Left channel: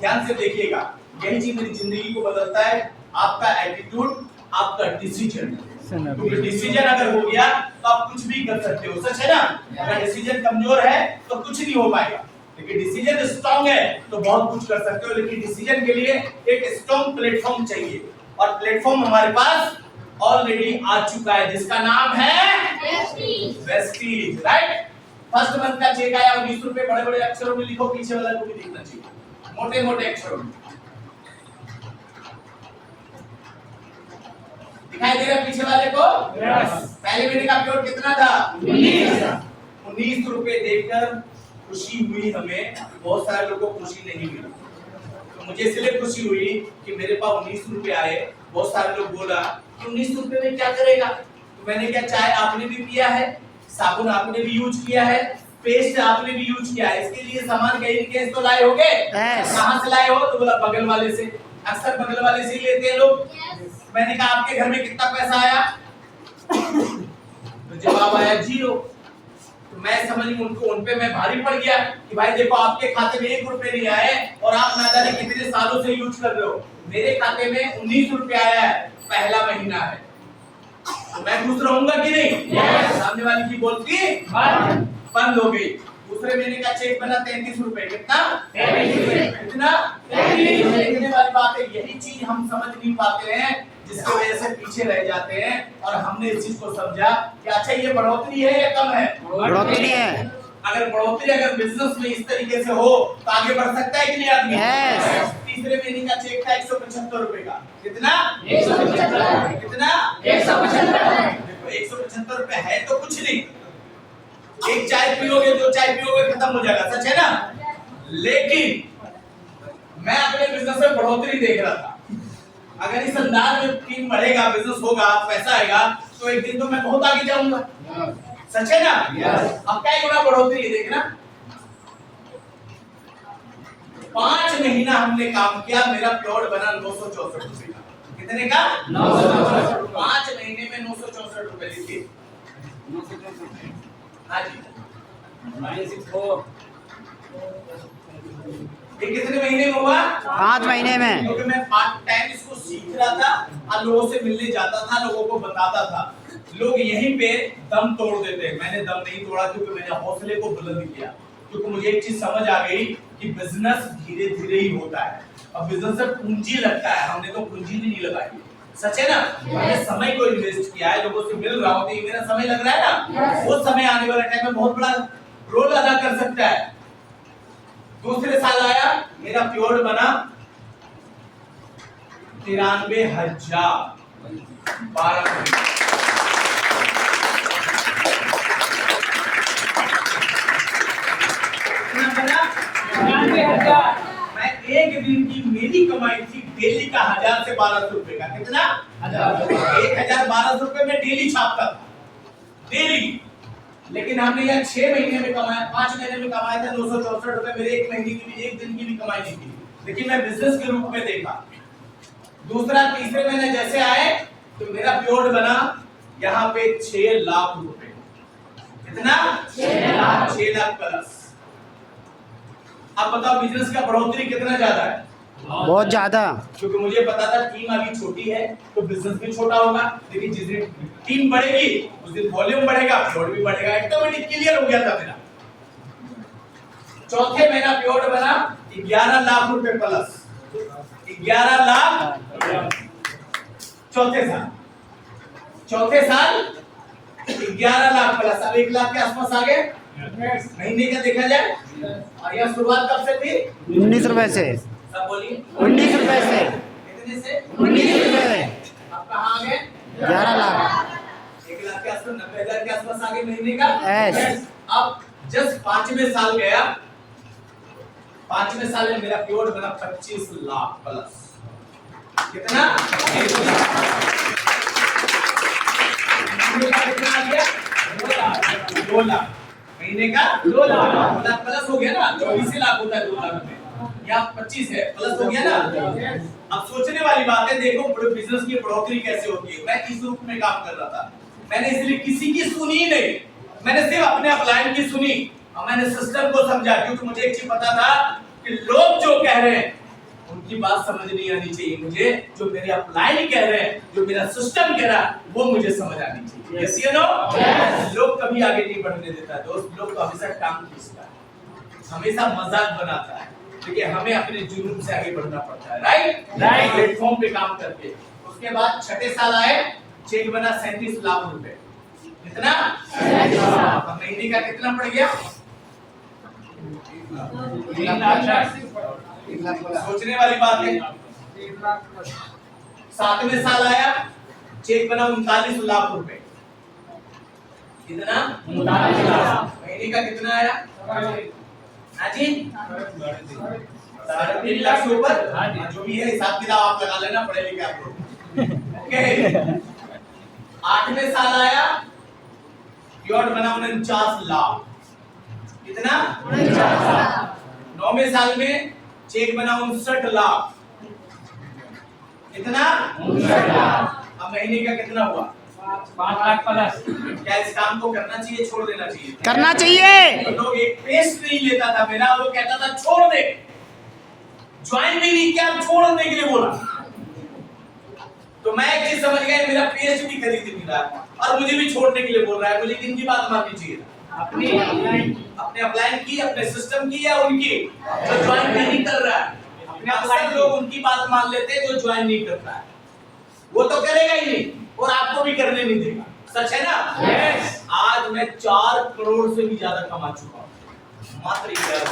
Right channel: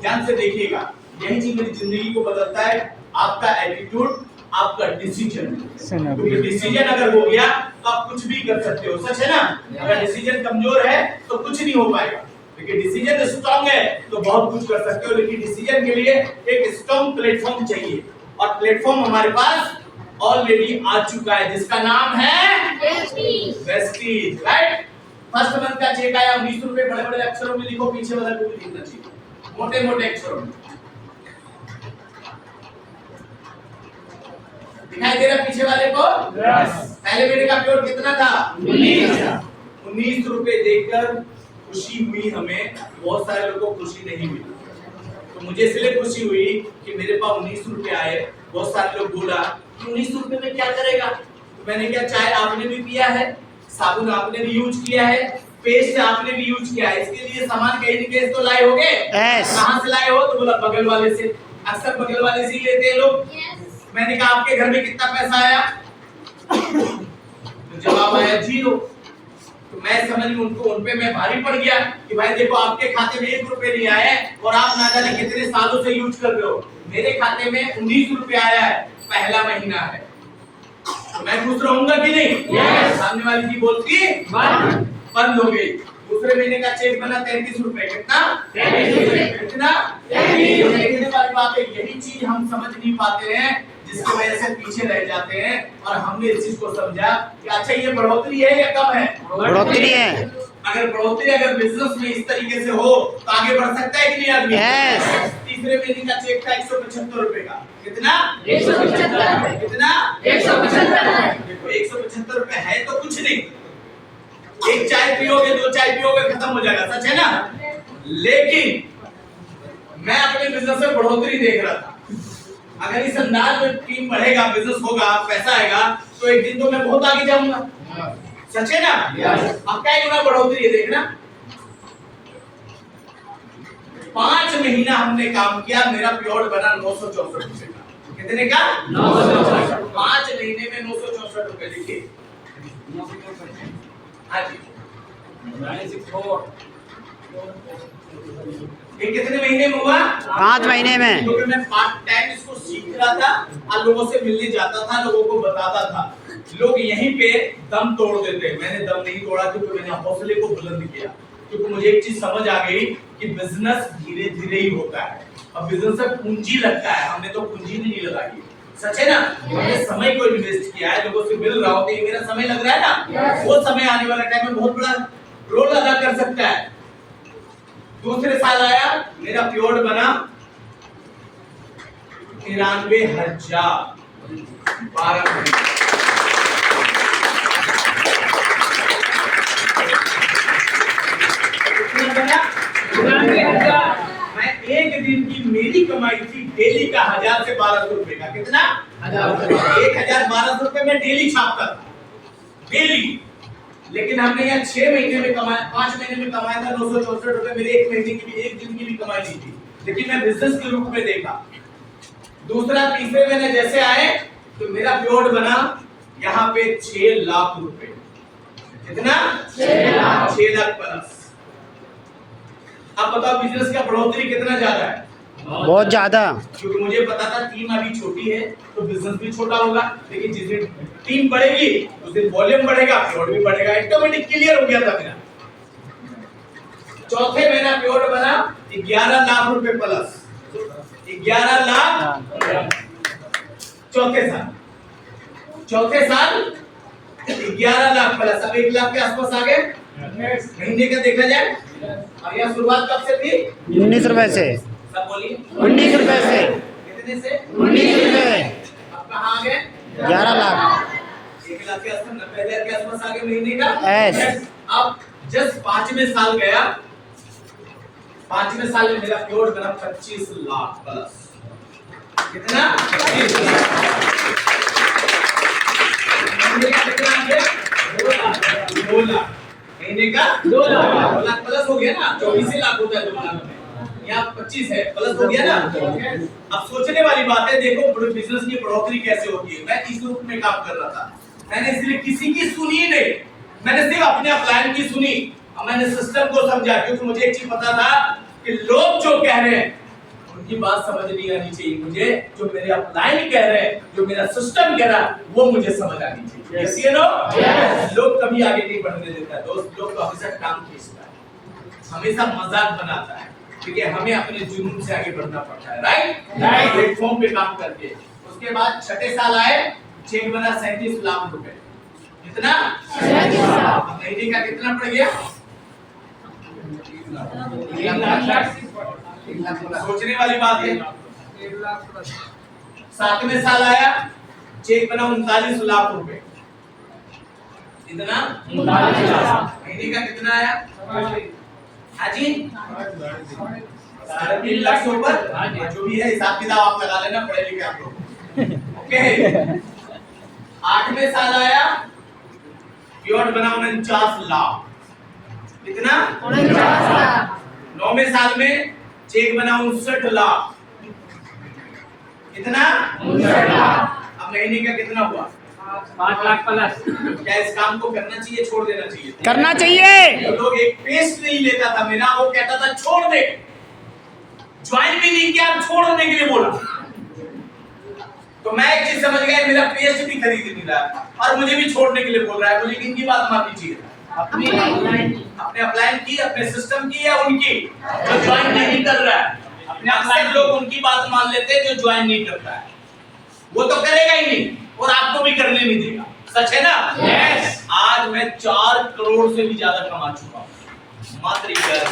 ध्यान से देखिएगा, यही चीज मेरी जिंदगी को बदलता है, आपका एटीट्यूड, आपका डिसीजन। क्योंकि डिसीजन अगर हो गया तो आप कुछ भी कर सकते हो, सच है ना? अगर डिसीजन कमजोर है तो कुछ नहीं हो पाएगा, लेकिन डिसीजन स्ट्रांग है तो बहुत कुछ कर सकते हो। लेकिन डिसीजन के लिए एक स्ट्रांग प्लेटफॉर्म चाहिए, और प्लेटफॉर्म हमारे पास ऑलरेडी आ चुका है, जिसका नाम है वेस्टीज, राइट? फर्स्ट मंथ का चेक आया, 20 रुपए, बड़े बड़े अक्षरों में लिखो, पीछे वाला को भी लिखना चाहिए, मोटे मोटे अक्षरों में दिखाई दे रहा पीछे वाले को? पहले महीने का पेमेंट कितना था? 19 रुपए देकर खुशी हुई हमें, बहुत सारे लोगों को खुशी नहीं हुई। तो मुझे इसलिए खुशी हुई कि मेरे पास 19 रुपए आए। बहुत सारे लोग बोला कि 19 रुपए में क्या करेगा? तो मैंने क्या, चाय आपने भी पिया है, साबुन आपने भी यूज किया है, पेस्ट आपने भी यूज किया है, इसके लिए सामान कहीं न कहीं तो लाए होंगे। कहां से लाए हो? तो बोला बगल वाले से। अक्सर बगल वाले से ही लेते हैं लोग। मैंने कहा आपके घर में कितना पैसा आया? तो जवाब आया 0। तो मैं समझ उनको, उन पे मैं भारी पड़ गया कि भाई देखो, आपके खाते में 1 रुपए नहीं आए और आप ना जाने कितने सालों से यूज कर रहे हो। मेरे खाते में 19 रुपए आया है, पहला महीना है, तो मैं खुश रहूंगा कि नहीं? सामने वाली की बोलती बंद हो गई। दूसरे महीने का चेक बना 33 रुपए। कितना? 33 रुपए। कितना? 33 रुपए। देखने वाली बात है, यही चीज हम समझ नहीं पाते हैं, जिसकी वजह से पीछे रह जाते हैं। और हमने इस चीज को समझा कि अच्छा, ये बढ़ोतरी है या कम है? बढ़ोतरी है। अगर बढ़ोतरी, अगर बिजनेस में इस तरीके से हो तो आगे बढ़ सकता है कि नहीं आदमी? तीसरे महीने का चेक था 175 रुपए का। कितना? 175। कितना? 175। देखो 175 रुपए है तो कुछ नहीं, एक चाय पियोगे, 2 चाय पियोगे, खत्म हो जाएगा, सच है ना? लेकिन मैं अपने बिजनेस में बढ़ोतरी देख रहा था। अगर इस अंदाज में टीम बढ़ेगा, बिजनेस होगा, पैसा आएगा, तो एक दिन तो मैं बहुत आगे जाऊंगा, सच है ना? अब क्या गुना बढ़ोतरी है, देखना। 5 महीना हमने काम किया, मेरा प्योर बना 964 रुपए का। कितने का? 964। 5 महीने में 964 रुपए। लिखिए, हाँ जी, 964। ये कितने महीने में हुआ? 5 महीने में। क्योंकि मैं पार्ट टाइम इसको सीख रहा था और लोगों से मिलने जाता था, लोगों को बताता था। लोग यहीं पे दम तोड़ देते, मैंने दम नहीं तोड़ा, क्योंकि मैंने हौसले को बुलंद किया। क्योंकि मुझे एक चीज समझ आ गई कि बिजनेस धीरे धीरे ही होता है, और बिजनेस में पूंजी लगता है। हमने तो पूंजी भी नहीं लगाई, सच है ना? मैंने समय को इन्वेस्ट किया है, लोगों से मिल रहा हूं, तो ये मेरा समय लग रहा है ना, वो समय आने वाला टाइम में बहुत बड़ा रोल अदा कर सकता है। दूसरे साल आया, मेरा प्योर बना 93,000। 12 महीने। कितना बना? 93,000। मैं एक दिन की मेरी कमाई थी डेली का 1000 से 1200 रुपए का। कितना? 1000 रुपए में डेली छापता था, डेली। लेकिन हमने यहाँ 6 महीने में कमाया, 5 महीने में कमाया था 964 रुपए। मेरे एक महीने की भी, एक दिन की भी कमाई नहीं थी, लेकिन मैं बिजनेस के रूप में देखा। दूसरा तीसरे महीने जैसे आए तो मेरा प्योर बना यहाँ पे 6 लाख रुपए। कितना? 6 लाख प्लस। अब बताओ बिजनेस का बढ़ोतरी कितना ज्यादा है? बहुत ज्यादा। क्योंकि मुझे पता था टीम अभी छोटी है तो बिजनेस भी छोटा होगा, लेकिन जिस दिन टीम बढ़ेगी उस दिन वॉल्यूम बढ़ेगा, प्योर भी बढ़ेगा। ऑटोमेटिक क्लियर हो गया था मेरा। चौथे महीना प्योर बना 11 लाख रुपए प्लस। 11 लाख चौथे साल 11 लाख प्लस। अब 1 लाख के आसपास आ गए महीने का देखा जाए। और यह शुरुआत कब से थी? 19 रुपए से। सब बोलिए, 19 रुपए से। कितने से? 19 रुपए। अब कहाँ आ गए? 11 लाख। 1 लाख के आसपास, 90,000 के आसपास आ गए महीने का। अब जस्ट 5वें साल गया, 5वें साल में मेरा प्योर बना 25 लाख प्लस। कितना? 25 लाख। महीने का कितना आ गया? 2 लाख। महीने का 2 लाख प्लस हो गया ना। 24 लाख होता है 2 लाख में, यहाँ 25 है, प्लस हो गया ना। अब सोचने वाली बात है, देखो बिजनेस की बढ़ोतरी कैसे होती है। मैं इस रूप में काम कर रहा था, मैंने इसलिए किसी की सुनी नहीं, मैंने सिर्फ अपने अपलाइन की सुनी और मैंने सिस्टम को समझा। क्योंकि मुझे एक चीज पता था कि लोग जो कह रहे हैं इनकी बात समझ नहीं आनी चाहिए मुझे, जो मेरे अपलाइन कह रहे हैं, जो मेरा सिस्टम कह रहा है, वो मुझे समझ आनी चाहिए। यस या नो? लोग कभी आगे नहीं बढ़ने देता दोस्त, लोग तो हमेशा टांग खींचता है, हमेशा मजाक बनाता है, क्योंकि हमें अपने जुनून से आगे बढ़ना पड़ता है। राइट, प्लेटफॉर्म पे काम करके। उसके बाद छठे साल आए, चेक बना 37 लाख रुपए। कितना? 37 लाख। महीने का कितना पड़ गया? 1 लाख। सोचने वाली बात है। 7वें साल आया, चेक बना 39 लाख रुपए। कितना? 39 लाख। महीने का कितना आया? हाँ जी, 3.5 लाख से ऊपर। जो भी है हिसाब किताब आप लगा लेना, पढ़े लिखे आप लोग। ओके। 8वें साल आया, प्योट बना 49 लाख। कितना? 49 लाख। 9वें साल में चेक बना 59 लाख। कितना? 59 लाख। अब महीने का कितना हुआ? 5 लाख प्लस। क्या इस काम को करना चाहिए, छोड़ देना चाहिए? करना चाहिए। तो लोग एक पेस्ट नहीं लेता था मेरा, वो कहता था छोड़ दे, ज्वाइन भी नहीं किया, छोड़ने के लिए बोला। तो मैं एक चीज समझ गया, मेरा पेस्ट भी खरीद नहीं रहा और मुझे भी छोड़ने के लिए बोल रहा है। मुझे किनकी बात माननी चाहिए? अपने अपलाइन की, अपने सिस्टम की, या उनकी जो ज्वाइन नहीं कर रहा है? अक्सर लोग उनकी बात मान लेते हैं जो ज्वाइन नहीं करता है, वो तो करेगा ही नहीं और आपको भी करने नहीं देगा। सच है ना? यस। आज मैं 4 करोड़ से भी ज्यादा कमा चुका हूं मात्र इधर।